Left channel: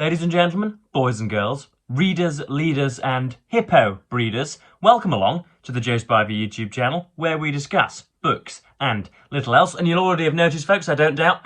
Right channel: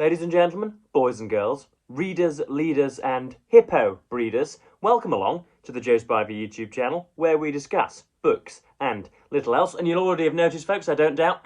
Ladies and gentlemen, boys and girls, readers, leaders and hippo breeders, welcome along to the Joe Spivey YouTube channel where we discuss books and little else. And you'll already have noticed, folks, I don't doubt,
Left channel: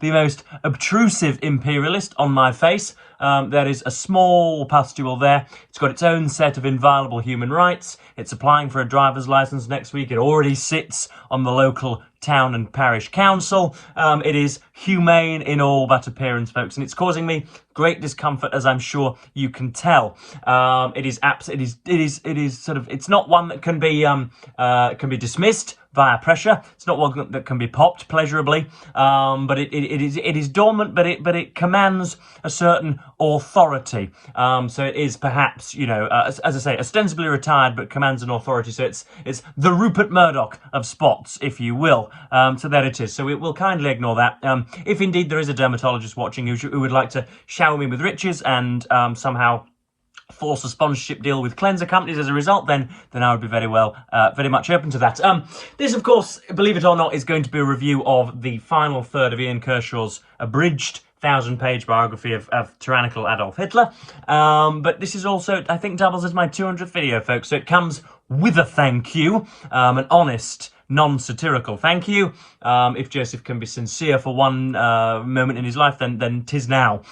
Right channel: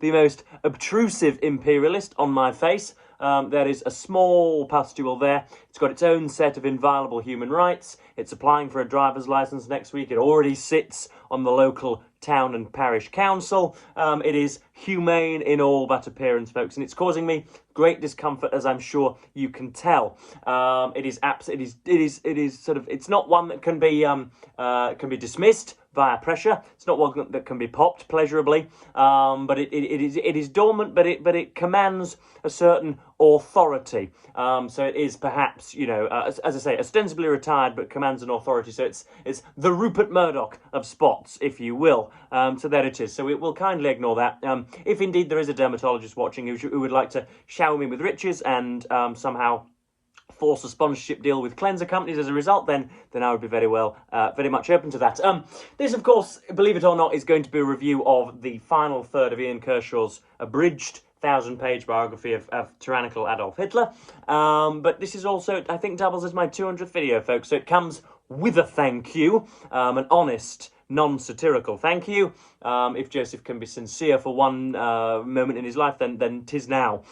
the most obtrusive imperialist on my face. There is a small pustule there. It's got its own set of inviolable human rights. It's applying for a driver's license next week. It already sits on the local town and parish council. It is humane in all but appearance, folks, and it's causing me great discomfort, as I'm sure you can tell. It is not one that can be dismissed via pressure. It's not one that can be popped pleasurably, but it is dormant, but it commands a certain authority. So it is perhaps, as I say, ostensibly retired, but commands an authority. So it's the Rupert Murdoch of spots, if you will. So there it is. So we'll kindly ignore that. If indeed there is a dermatologist watching who would like to shower me with riches and somehow force a sponsorship deal with cleanser companies as a result, then I would be very much open to that. This, of course, believe it or not, is going to be a review of the final third of Ian Kershaw's abridged 1,000-page biography of tyrannical Adolf Hitler. But this is also, I think, doubles as my 200th video, folks. So it comes with a thank you, an honest, non-satirical thank you. If Joseph can be sincere for one moment in his life, then 'tis now.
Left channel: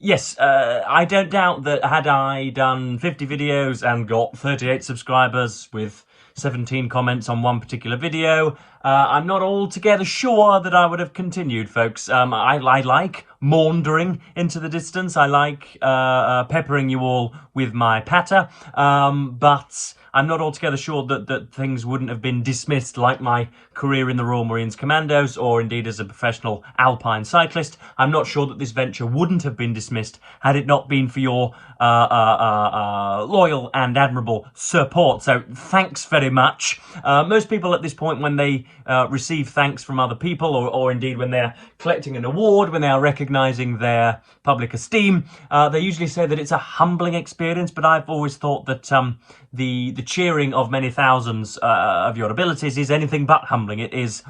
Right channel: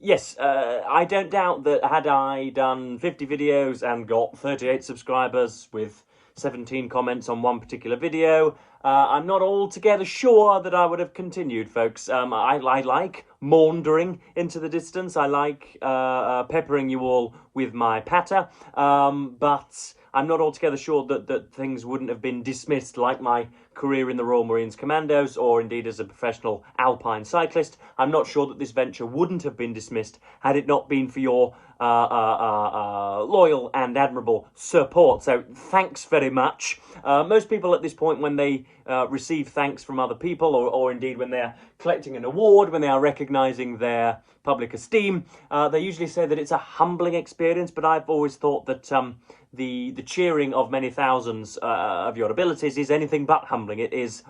Yes, I don't doubt that had I done 50 videos and got 38 subscribers with 17 comments on one particular video, I'm not altogether sure that I would have continued, folks. I like maundering into the distance. I like peppering you all with my patter, but I'm not altogether sure that things wouldn't have been dismissed, like my career in the Royal Marines Commandos, or indeed as a professional alpine cyclist. I'm not sure that this venture wouldn't have been dismissed had it not been for your loyal and admirable support. So thanks very much. Most people at this point, when they receive thanks from other people, or indeed when they're collecting an award, when they are recognising their public esteem, they usually say that it's a humbling experience, but I've always thought that the cheering of many thousands of your abilities is anything but humbling. It is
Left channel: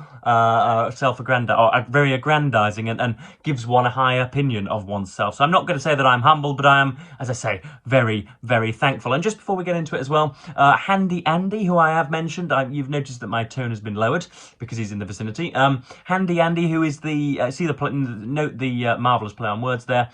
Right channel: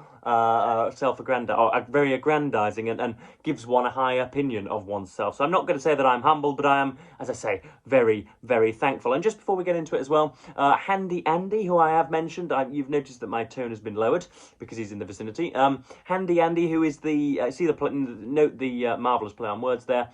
very aggrandizing and gives one a high opinion of oneself. So I'm not going to say that I'm humble, but I am, as I say, very, very thankful. And just before we get into it as well, Handy Andy, who I have mentioned, you've noticed that my tone has been lowered because he's in the vicinity. Handy Andy, who is note the marvellous play on words there,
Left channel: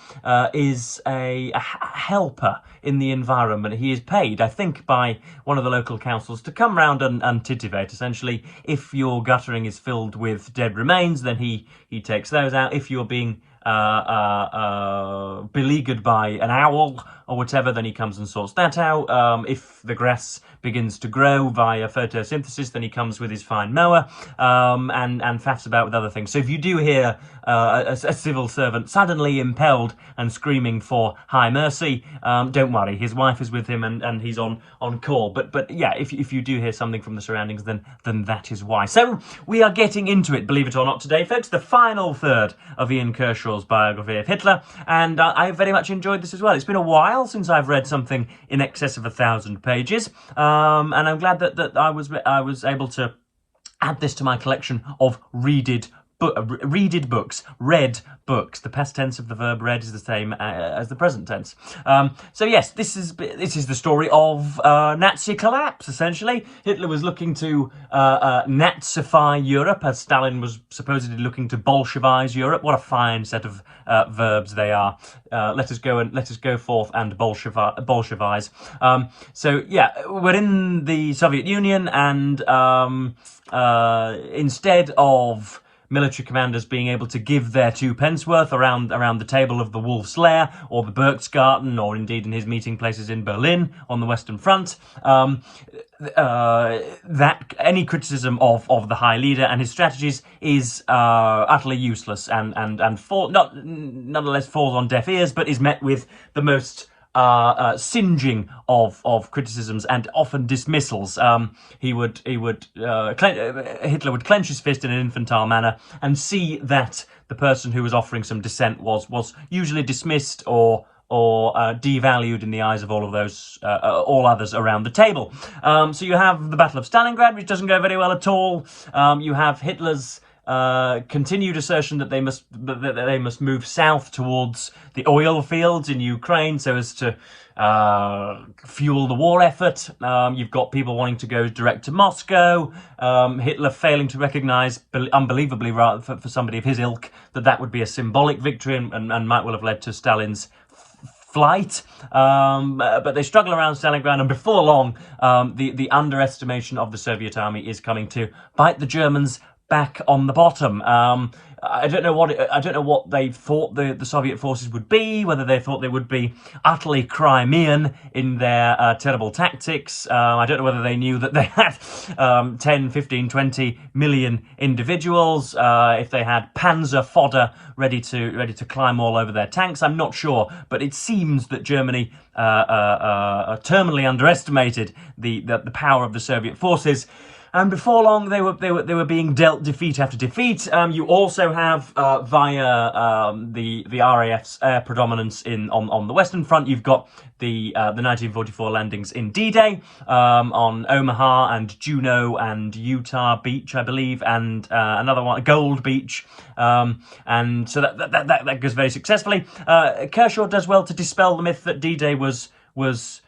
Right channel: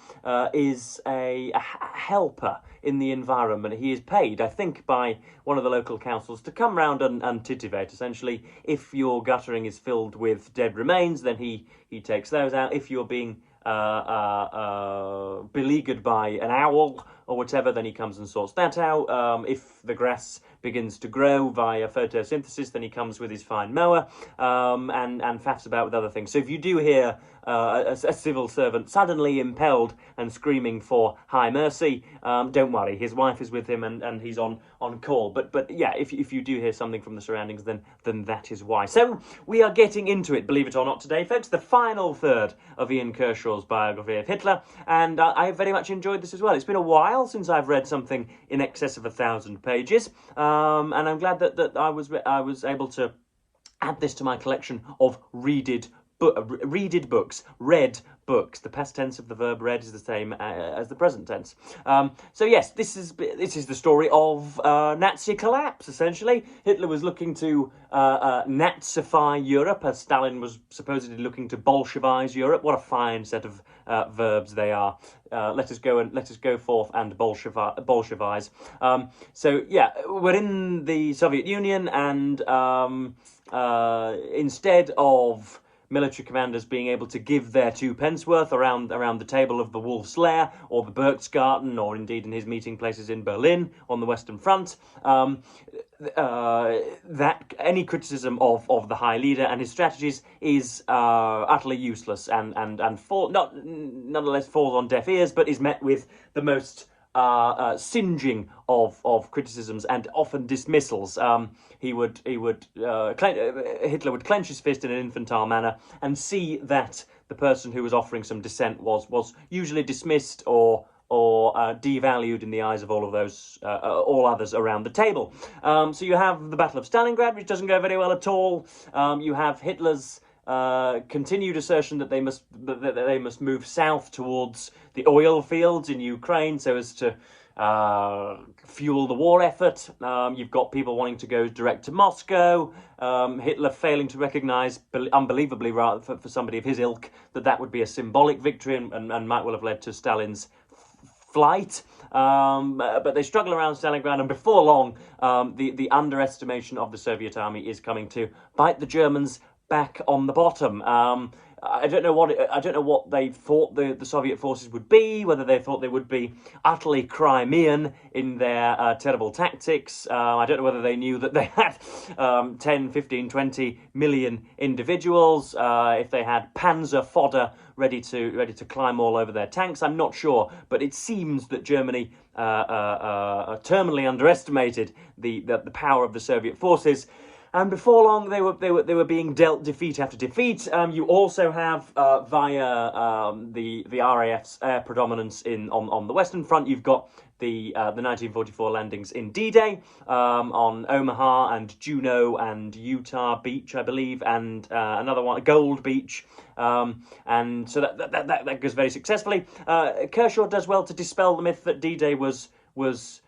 is a helper in the environment. He is paid, I think, by one of the local councils to come round and titivate. Essentially, if your guttering is filled with dead remains, then he takes those out. If you're being beleaguered by an owl or whatever, then he comes and sorts that out. If the grass begins to grow via photosynthesis, then he comes with his fine mower and faffs about with other things. So if you do hear a civil servant suddenly impelled and screaming for high mercy, don't worry, his wife is with him and he's on call. But yeah, if you do hear something from the surroundings, then that is why. So we are getting into it, believe it or not, today, folks, the final third of Ian Kershaw's biography of Hitler, and I very much enjoyed this as well. It's been a while since I've read something in excess of 1,000 pages, and I'm glad that I was able to add this to my collection of read books. The past tense of the verb read is the same as the present tense. So yes, this is the story of Nazi collapse, essentially. Hitler was looking to Nazify Europe, as Stalin was supposedly looking to Bolshevize Europe. What a fine set of verbs they are. Let us go forth and Bolshevize. So yeah, we're in the Soviet Union, and instead of military commanders being able to give their 2 pence worth around the table of the Wolf's Lair or the Berchtesgaden, or indeed in his meeting places in Berlin on the Western Front, that any criticism of the High Leader and his strategies is utterly useless and nonetheless falls on deaf ears, but is met with the most singeing of criticisms and often dismissals. Hitler would clench his fist in an infantile manner and see that the person who was offering some dissent was usually dismissed or devalued in the eyes of all others around the table. So you have the Battle of Stalingrad, which doesn't go very well at all. You have Hitler's continued assertion that they must move south towards the oil fields in Ukraine so as to fuel the war effort. You've got people wanting to go direct to Moscow. Hitler failing to recognise, unbelievably rather for somebody of his ilk, that would be a symbolic victory and might well have led to Stalin's flight, but they struggle around Stalingrad, and before long, the underestimation of the Soviet army is coming to bite the Germans back on the bottom. I don't know what they thought the Soviet forces would be, whether they thought they would be utterly Crimean in their terrible tactics. I don't know whether they knew that they had 10, 15, 20 million individuals, if they had panzer fodder ready to climb all over their tanks. I'm not sure, but it seems that Germany terminally underestimated the power of the Soviet forces. And before long, they were being dealt defeat after defeat. You also have via the RAF's air predominance on the Western Front. You've got the 1944 landings in D-Day on Omaha and Juneau and Utah Beach, I believe, and another one, Gold Beach. And so that goes very successfully. Kershaw does well to dispel the myth that D-Day was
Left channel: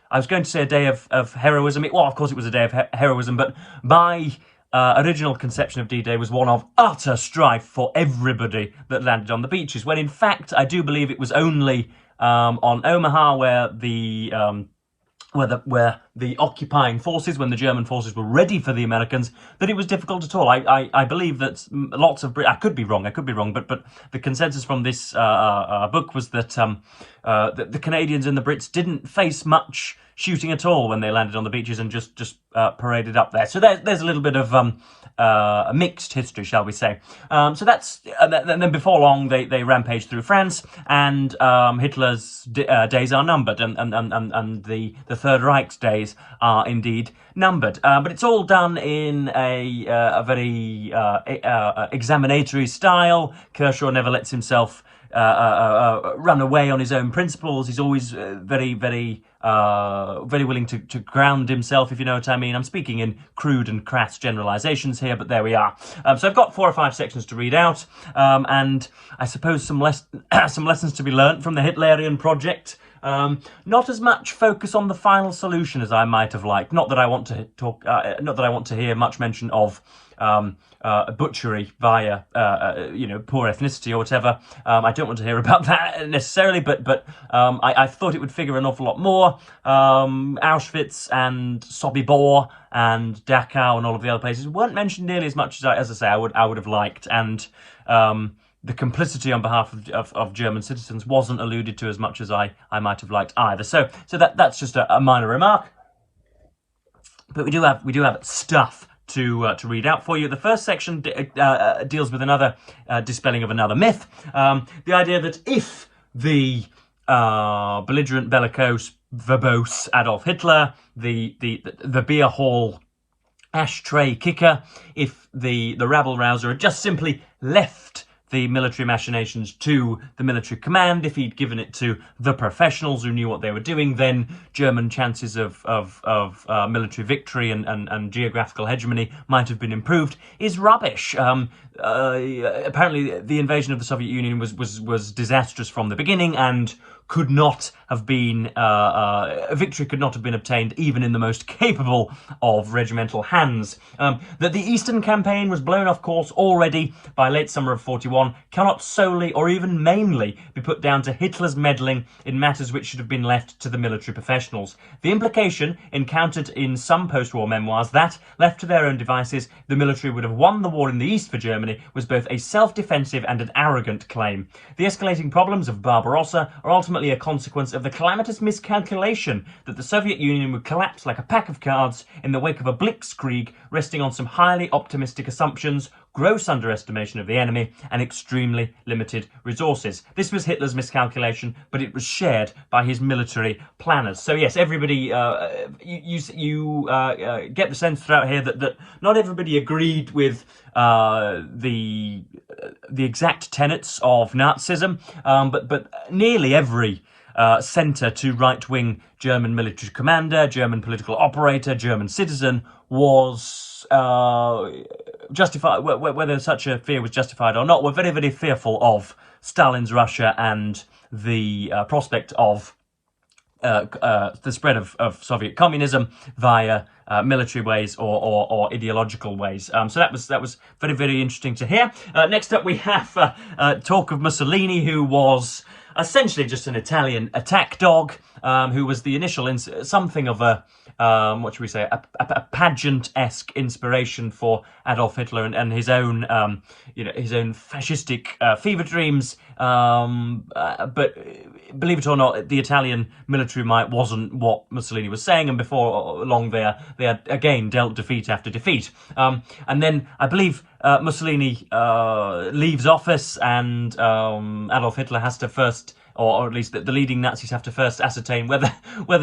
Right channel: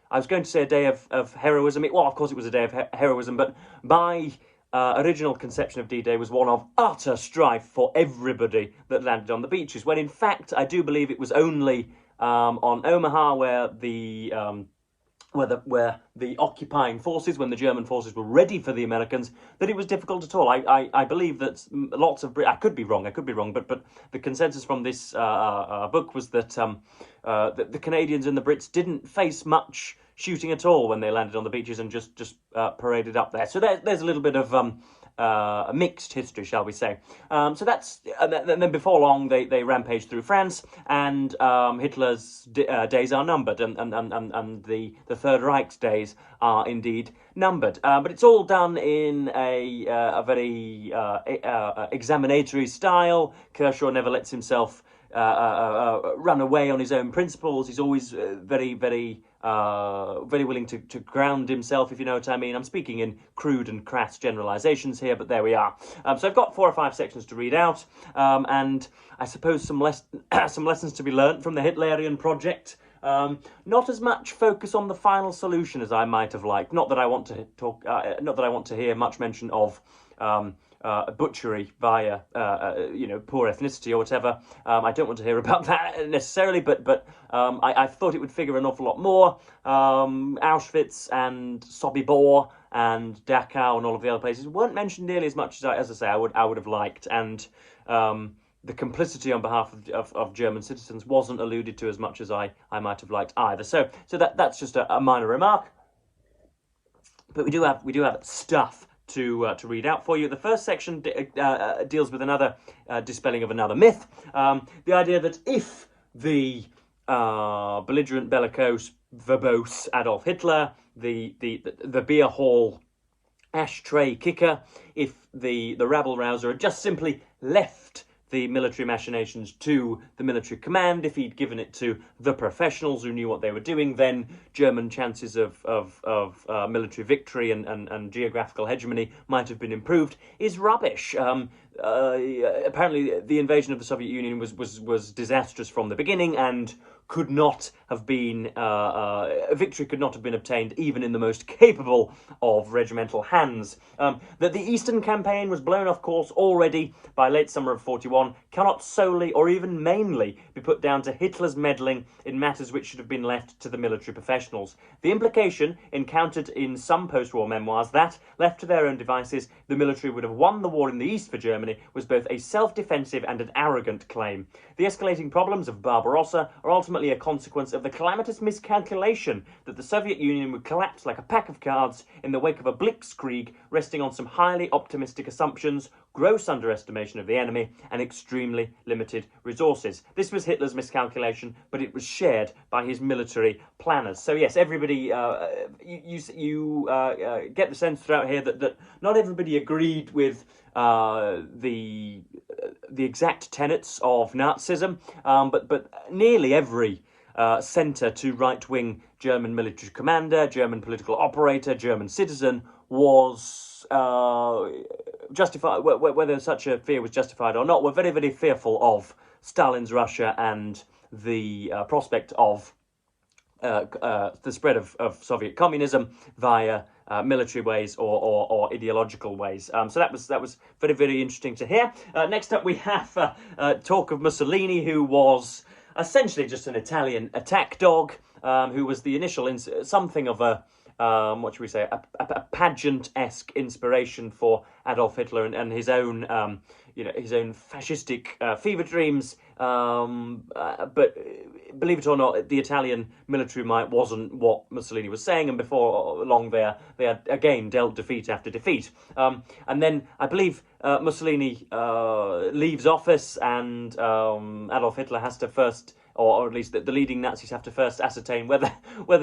I was going to say a day of heroism. Well, of course it was a day of heroism, but my original conception of D-Day was one of utter strife for everybody that landed on the beaches, when in fact I do believe it was only on Omaha where the occupying forces, when the German forces were ready for the Americans, that it was difficult at all. I believe that lots of I could be wrong, but the consensus from this book was that the Canadians and the Brits didn't face much shooting at all when they landed on the beaches and just paraded up there. So there's a little bit of a mixed history, shall we say. So that's and then before long they rampage through France, and Hitler's days are numbered, and the Third Reich's days are indeed numbered. But it's all done in a very examinatory style. Kershaw never lets himself run away on his own principles. He's always very willing to ground himself, if you know what I mean. I'm speaking in crude and crass generalizations here, but there we are. So I've got 4 or 5 sections to read out, and I suppose some lessons to be learnt from the Hitlerian project. Not as much focus on the final solution as I might have liked. Not that I want to talk. Not that I want to hear much mention of butchery via poor ethnicity or whatever. I don't want to hear about that necessarily, but I thought it would figure an awful lot more. Auschwitz and Sobibor and Dachau and all of the other places weren't mentioned nearly as much as I say I would have liked, and the complicity on behalf of German citizens wasn't alluded to as much as I might have liked either. So that's just a minor remark. But we do have stuff to read out for you. The first section deals with another dispelling of another myth. The idea that if the belligerent, bellicose, verbose Adolf Hitler, the beer hall ashtray kicker, if the rabble rouser had just simply left the military machinations to the military command, if he'd given it to the professionals who knew what they were doing, then German chances of military victory and geographical hegemony might have been improved, is rubbish. Apparently the invasion of the Soviet Union was disastrous from the beginning, and could not have been victory could not have been obtained even in the most capable of regimental hands. That the Eastern Campaign was blown off course already by late summer of 41 cannot solely or even mainly be put down to Hitler's meddling in matters which should have been left to the military professionals. The implication, encountered in some post-war memoirs, that, left to their own devices, the military would have won the war in the East for Germany, was both a self-defensive and an arrogant claim. The escalating problems of Barbarossa are ultimately a consequence of the calamitous miscalculation that the Soviet Union would collapse like a pack of cards in the wake of a blitzkrieg resting on some highly optimistic assumptions, gross underestimation of the enemy, and extremely limited resources. This was Hitler's miscalculation, but it was shared by his military planners. So yes, everybody, you get the sense throughout here that not everybody agreed with the exact tenets of Nazism, but nearly every centre to right-wing German military commander, German political operator, German citizen was whether such a fear was justified or not, were very, very fearful of Stalin's Russia and the prospect of the spread of Soviet communism via military ways or ideological ways. So that was very, very interesting to hear. Next up, we have talk of Mussolini, who was essentially just an Italian attack dog, who was the initial something of a what should we say, a pageant-esque inspiration for Adolf Hitler and his own, his own fascistic fever dreams. But believe it or not, the Italian military might wasn't what Mussolini was saying, and before long they had again dealt defeat after defeat. And then I believe Mussolini leaves office, and Adolf Hitler has to first, or at least the leading Nazis have to first ascertain whether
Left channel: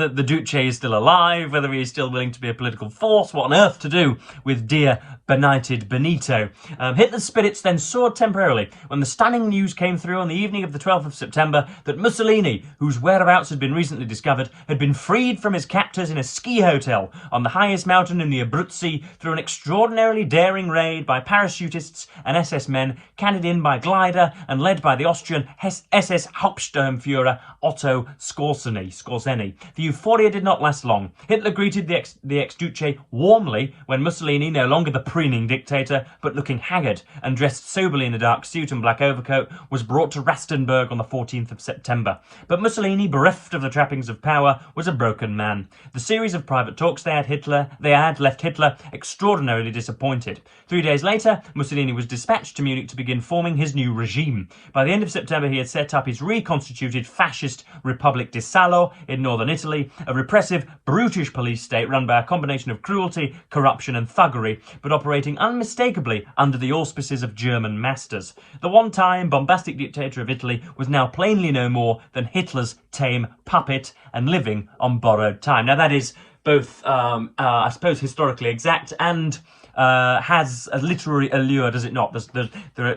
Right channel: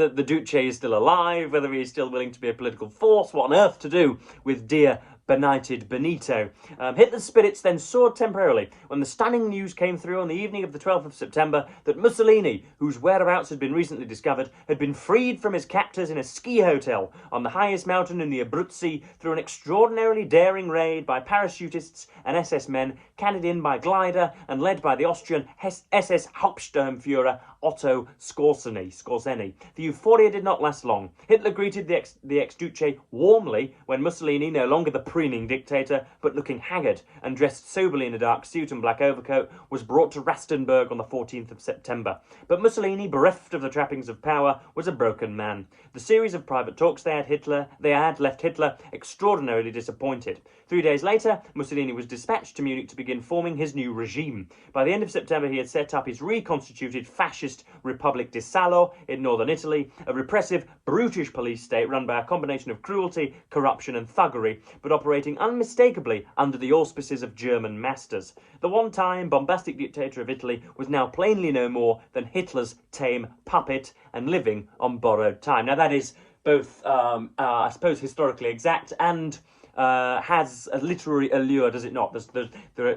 the Duce is still alive, whether he is still willing to be a political force, what on earth to do with dear benighted Benito. Hitler's spirits then soared temporarily when the stunning news came through on the evening of the 12th of September that Mussolini, whose whereabouts had been recently discovered, had been freed from his captors in a ski hotel on the highest mountain in the Abruzzi through an extraordinarily daring raid by parachutists and SS men, carried in by glider and led by the Austrian SS Hauptsturmführer Otto Skorzeny. The euphoria did not last long. Hitler greeted the ex-Duce warmly when Mussolini, no longer the preening dictator, but looking haggard and dressed soberly in a dark suit and black overcoat, was brought to Rastenburg on the 14th of September. But Mussolini, bereft of the trappings of power, was a broken man. The series of private talks they had left Hitler extraordinarily disappointed. 3 days later, Mussolini was dispatched to Munich to begin forming his new regime. By the end of September, he had set up his reconstituted fascist Republic di Salo in northern Italy, a repressive, brutish police state run by a combination of cruelty, corruption and thuggery, but operating unmistakably under the auspices of German masters. The one-time bombastic dictator of Italy was now plainly no more than Hitler's tame puppet and living on borrowed time. Now that is both, I suppose, historically exact and has a literary allure, does it not? There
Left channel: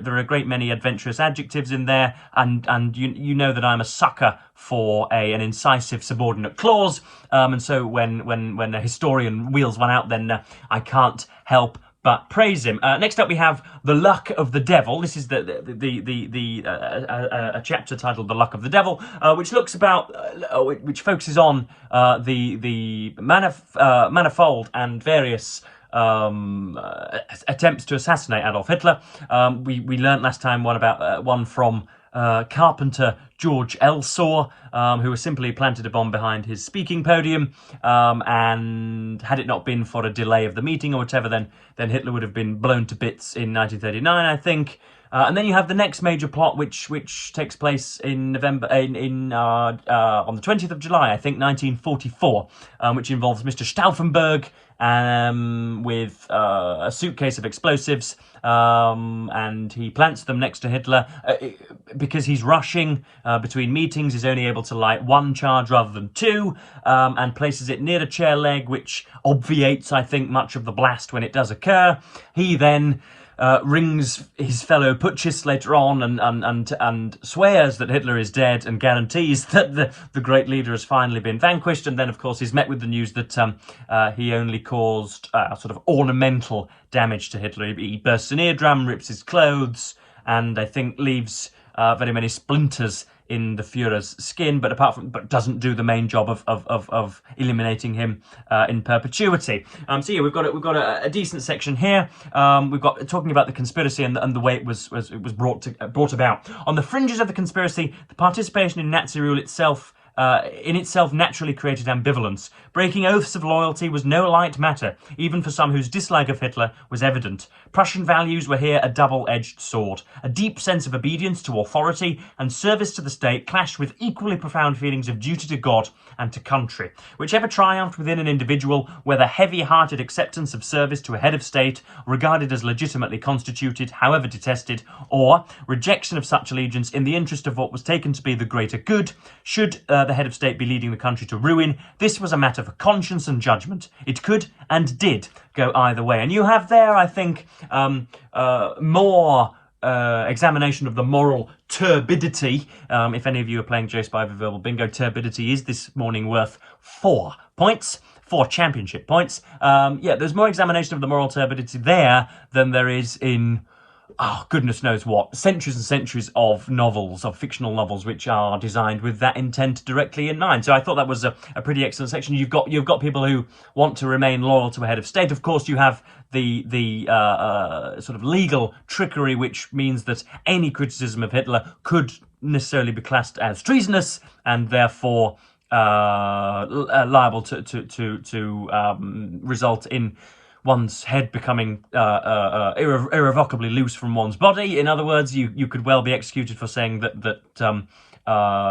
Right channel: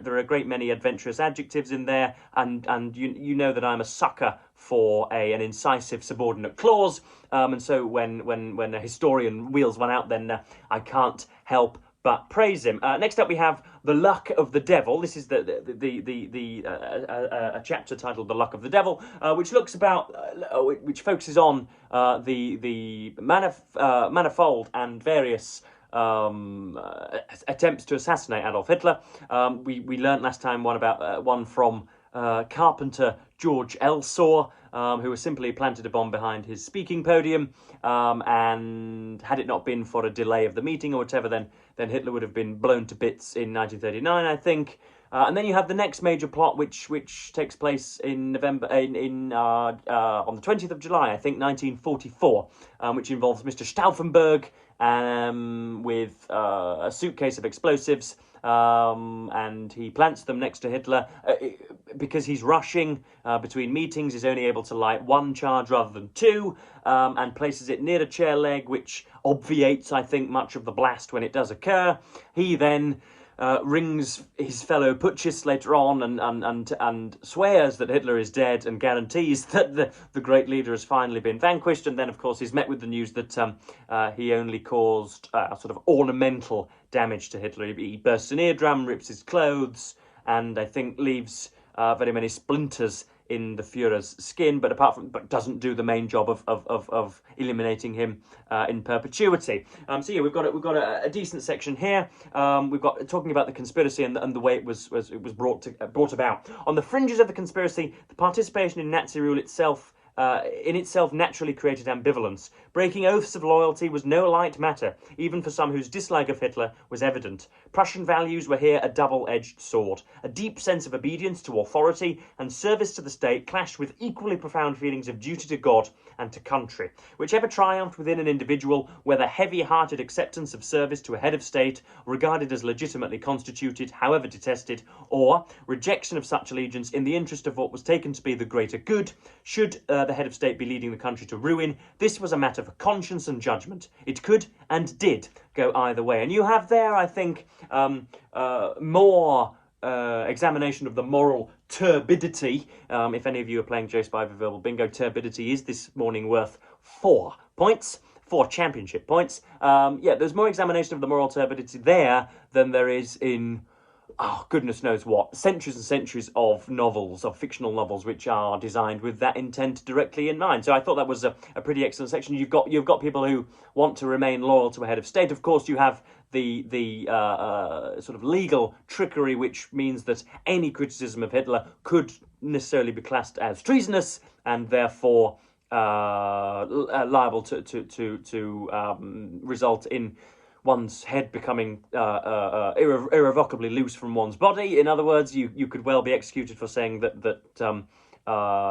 are a great many adventurous adjectives in there, and you know that I'm a sucker for an incisive subordinate clause, and so when a historian wheels one out, then I can't help but praise him. Next up, we have The Luck of the Devil. This is a chapter titled The Luck of the Devil, which looks about, which focuses on the manifold and various attempts to assassinate Adolf Hitler. We learnt last time one from carpenter George Elsaw, who was simply planted a bomb behind his speaking podium, and had it not been for a delay of the meeting or whatever, then Hitler would have been blown to bits in 1939, I think. And then you have the next major plot, which takes place in November, on the 20th of July, I think, 1944, which involves Mr. Stauffenberg with a suitcase of explosives, and he plants them next to Hitler. Because he's rushing between meetings, he's only able to light one charge rather than two, and places it near a chair leg, which obviates, I think, much of the blast when it does occur. He then rings his fellow putschists later on and swears that Hitler is dead and guarantees that the great leader has finally been vanquished. And then, of course, he's met with the news that he only caused sort of ornamental damage to Hitler. He bursts an eardrum, rips his clothes, and I think leaves very many splinters in the Führer's skin, but doesn't do the main job of eliminating him in perpetuity. So yeah, we've got a decent section here. We've got talking about the conspiracy and the way it was brought about. On the fringes of the conspiracy, the participation in Nazi rule itself naturally created ambivalence. Breaking oaths of loyalty was no light matter, even for some whose dislike of Hitler was evident. Prussian values were here a double-edged sword. A deep sense of obedience to authority and service to the state clashed with equally profound feelings of duty to God and to country. Whichever triumphed within an individual, whether heavy-hearted acceptance of service to a head of state, regarded as legitimately constituted, however detested, or rejection of such allegiance in the interest of what was taken to be the greater good, should the head of state be leading the country to ruin, this was a matter for conscience and judgment. It could and did go either way. And you have there, I think, more examination of the moral turbidity. If any of you are playing Joe Spivey Verbal Bingo, turbidity is this morning worth 4 points. 4 championship points. Yeah, there's more examination of the moral turbidity there than there is in, oh, goodness knows what, centuries and centuries of novels, of fictional novels, which are designed with that intent directly in mind. So I thought that was a pretty excellent section. You've got people who want to remain loyal to a head of state. Of course, you have the sort of legal trickery, which means that any criticism of Hitler could necessarily be classed as treasonous, and therefore liable to result in one's head becoming irrevocably loose from one's body. In other words, you could well be executed for saying that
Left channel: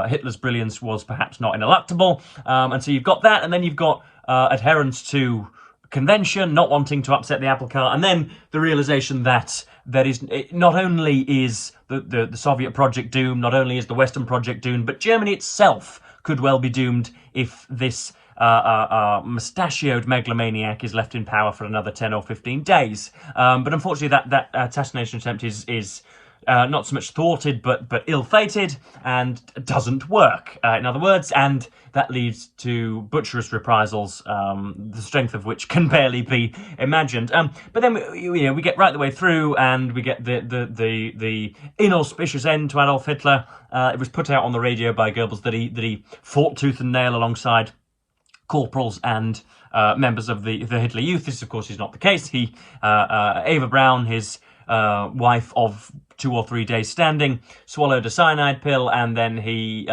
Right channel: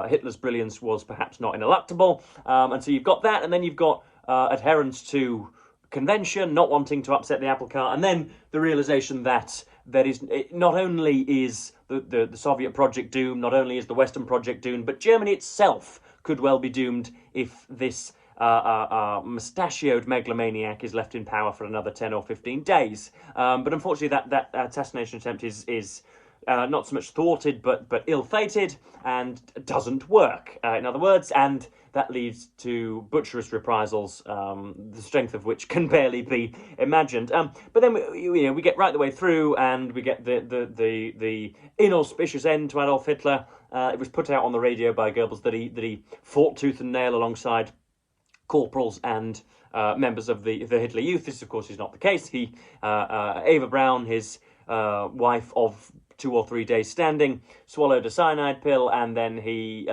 Hitler's brilliance was perhaps not ineluctable. And so you've got that, and then you've got adherence to convention, not wanting to upset the apple cart, and then the realization that not only is the Soviet project doomed, not only is the Western project doomed, but Germany itself could well be doomed if this mustachioed megalomaniac is left in power for another 10 or 15 days. But unfortunately, that assassination attempt is not so much thwarted, but ill-fated, and doesn't work, in other words, and that leads to butcherous reprisals, the strength of which can barely be imagined. But then we get right the way through, and we get the inauspicious end to Adolf Hitler. It was put out on the radio by Goebbels that he fought tooth and nail alongside corporals and members of the Hitler Youth. This, of course, is not the case. Eva Braun, his wife of 2 or 3 days standing, swallowed a cyanide pill, and then he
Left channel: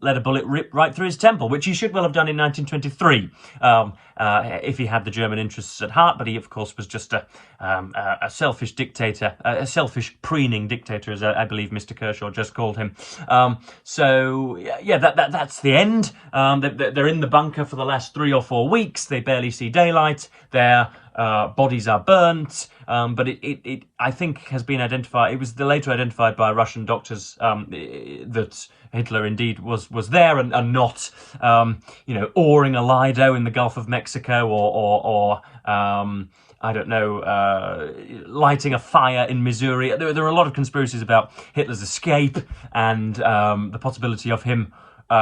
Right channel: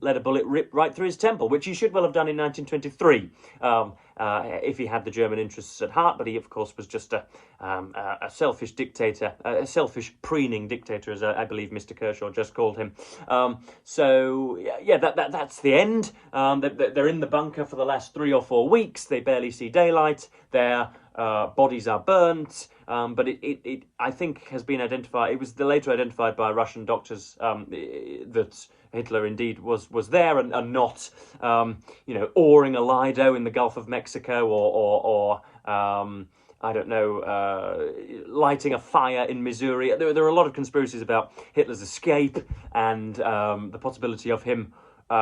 let a bullet rip right through his temple, which he should well have done in 1923 if he had the German interests at heart. But he, of course, was just a selfish dictator, a selfish preening dictator, as I believe Mr. Kershaw just called him. So yeah, that's the end. They're in the bunker for the last 3 or 4 weeks. They barely see daylight. Their bodies are burnt. But it I think has been identified. It was later identified by Russian doctors that Hitler indeed was there, and not oaring a Lido in the Gulf of Mexico, or I don't know, lighting a fire in Missouri. There are a lot of conspiracies about Hitler's escape and the possibility of him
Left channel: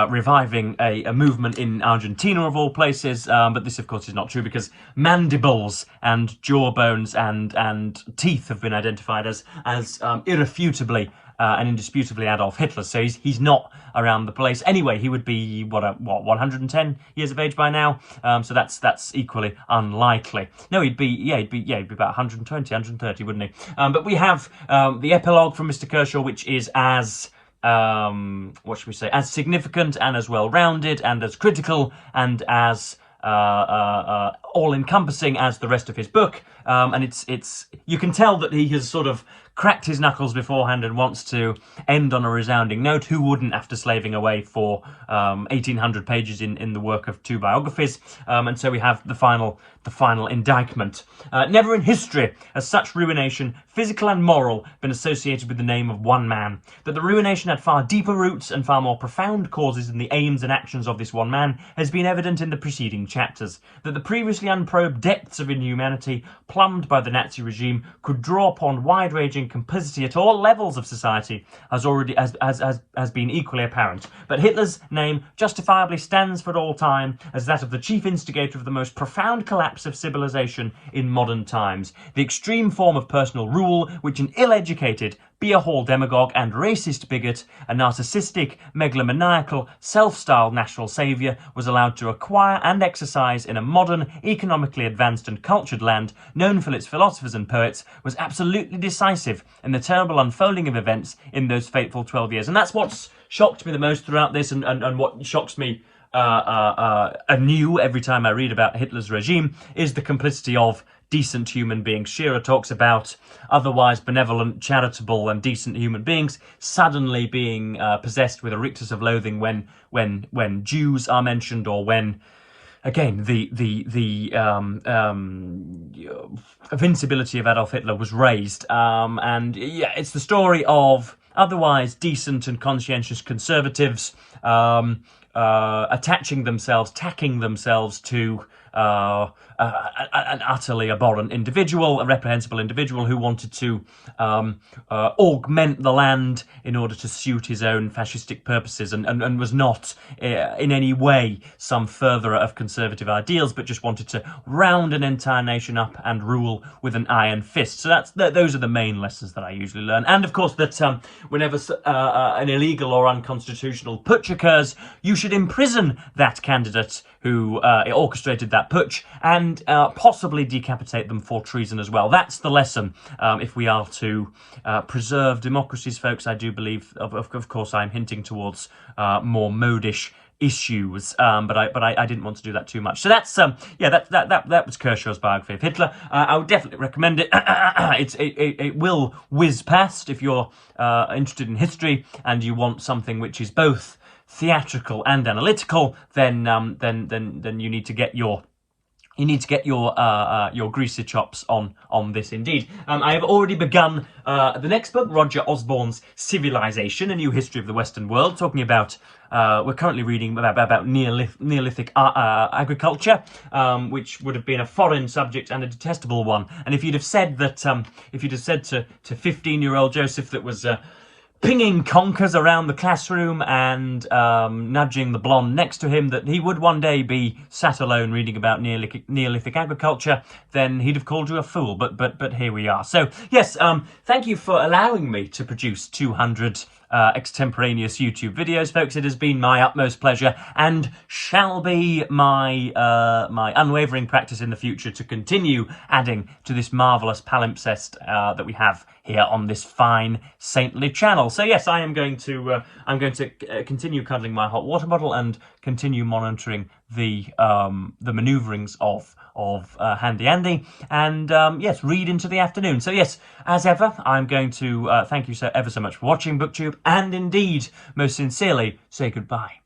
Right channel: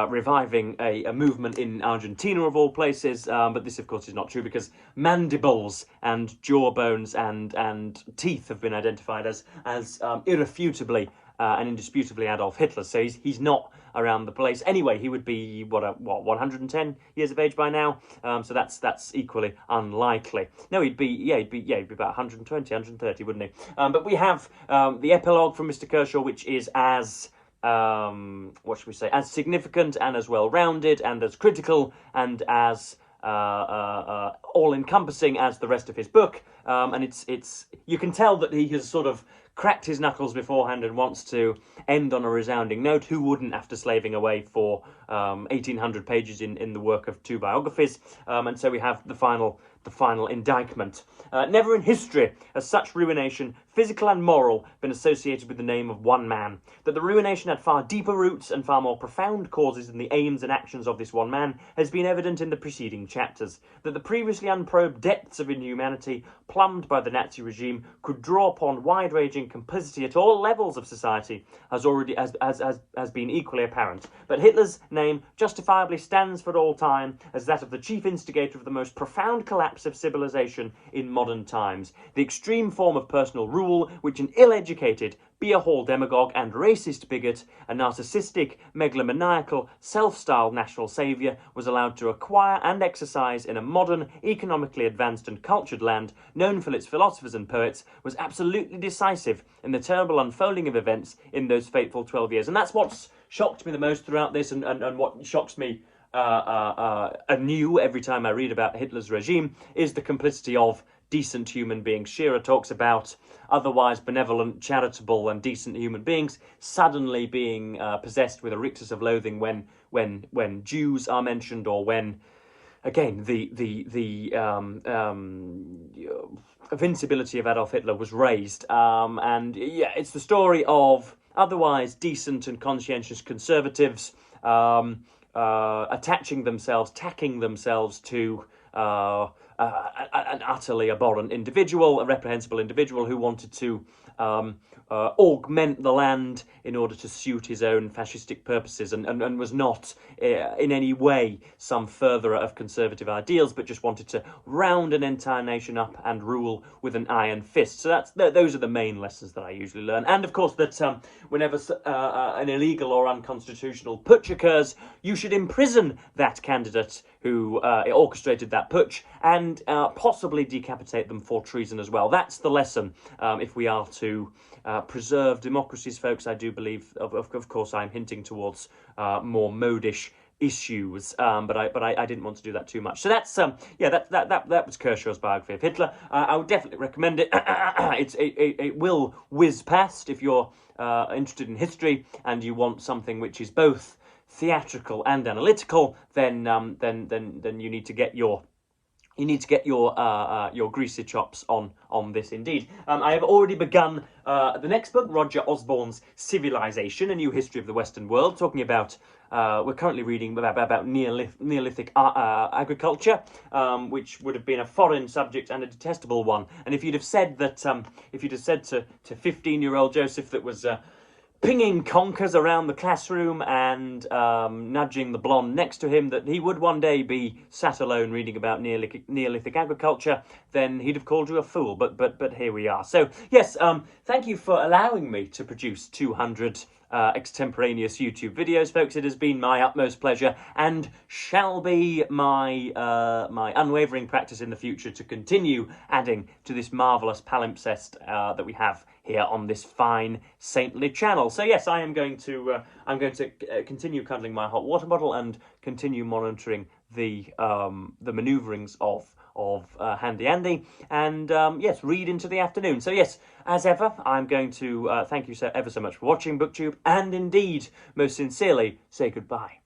reviving a movement in Argentina, of all places, but this, of course, is not true, because mandibles and jawbones and teeth have been identified as irrefutably and indisputably Adolf Hitler. So he's not around the place. Anyway, he would be what 110 years of age by now. So that's equally unlikely. No, he'd be about 120, 130, wouldn't he? But we have the epilogue from Mr. Kershaw, which is as what should we say, as significant and as well-rounded and as critical and as all-encompassing as the rest of his book. And it's you can tell that he has sort of cracked his knuckles beforehand and wants to end on a resounding note. Who wouldn't, after slaving away for 1,800 pages in the work of 2 biographies? And so we have the final indictment. Never in history has such ruination, physical and moral, been associated with the name of one man. That the ruination had far deeper roots and far more profound causes in the aims and actions of this one man has been evident in the preceding chapters. That the previously unprobed depths of inhumanity plumbed by the Nazi regime could draw upon wide-ranging complicity at all levels of society has been equally apparent. But Hitler's name justifiably stands for all time as that of the chief instigator of the most profound collapse of civilization in modern times. The extreme form of personal rule which an ill-educated, beer-hall demagogue and racist bigot, a narcissistic, megalomaniacal, self-styled national saviour, was allowed to acquire and exercise in a modern, economically advanced and cultured land known for its philosophers and poets, was absolutely decisive in the terrible unfolding of events in those fateful 12 years. And that's what's shocked me the most throughout this, and what shocks me anew every time I read about Hitler's regime, is the complicity of decent human beings. Shearer talks about otherwise benevolent, charitable and decent human beings suddenly being possessed with a rictus of loathing when Jews are mentioned, or when, again, the invincibility of Adolf Hitler was raised. And yeah, it's the story of otherwise decent and conscientious conservatives tacking themselves to an utterly abhorrent individual, a reprehensible individual who wanted to augment the land in order to suit his own fascistic purposes, and was not in any way some furtherer of conservative ideals, but just wanted to round an entire nation up and rule with an iron fist. So those are the main lessons that I usually learn. And of course that whenever an illegal or unconstitutional putsch occurs, you should imprison that candidate who orchestrated that putsch and possibly decapitate them for treason as well. That's the lesson if we are to preserve democracies, folks. I do believe, of course, I'm hinting towards more modish issues, but I didn't want to do that too much. So that's that was Kershaw's biography of Hitler. I would definitely recommend it. It will whiz past if you're interested in history and you want something which is both theatrical and analytical. Then you need to get your greasy chops on this indeed. I have already begun the next book, Roger Osborne's Civilization, A New History of the Western World, talking about, we're currently reading about Neolithic agriculture, which would have been a foreign subject and a detestable one. And if you'd have said that, if you'd have said to 15-year-old Joseph that was pinging conkers around the classroom and nudging the blonde next to him that he would one day be sat alone reading about Neolithic agriculture, then he'd have called you a fool. But here we are. So yes, thank you for allowing me to produce 200 extemporaneous YouTube videos, folks. It has been my utmost pleasure and shall be my my unwavering practice in the future to continue adding to this marvellous palimpsest that we have here on this fine saintly channel. So yes, I'm going to continue cuddling my hot water bottle and continue monitoring the manoeuvrings of Handy Andy, and yes, read into the afternoon. So yes, as ever, I'm going to thank you ever so much for watching BookTube, and indeed, most sincerely, say goodbye.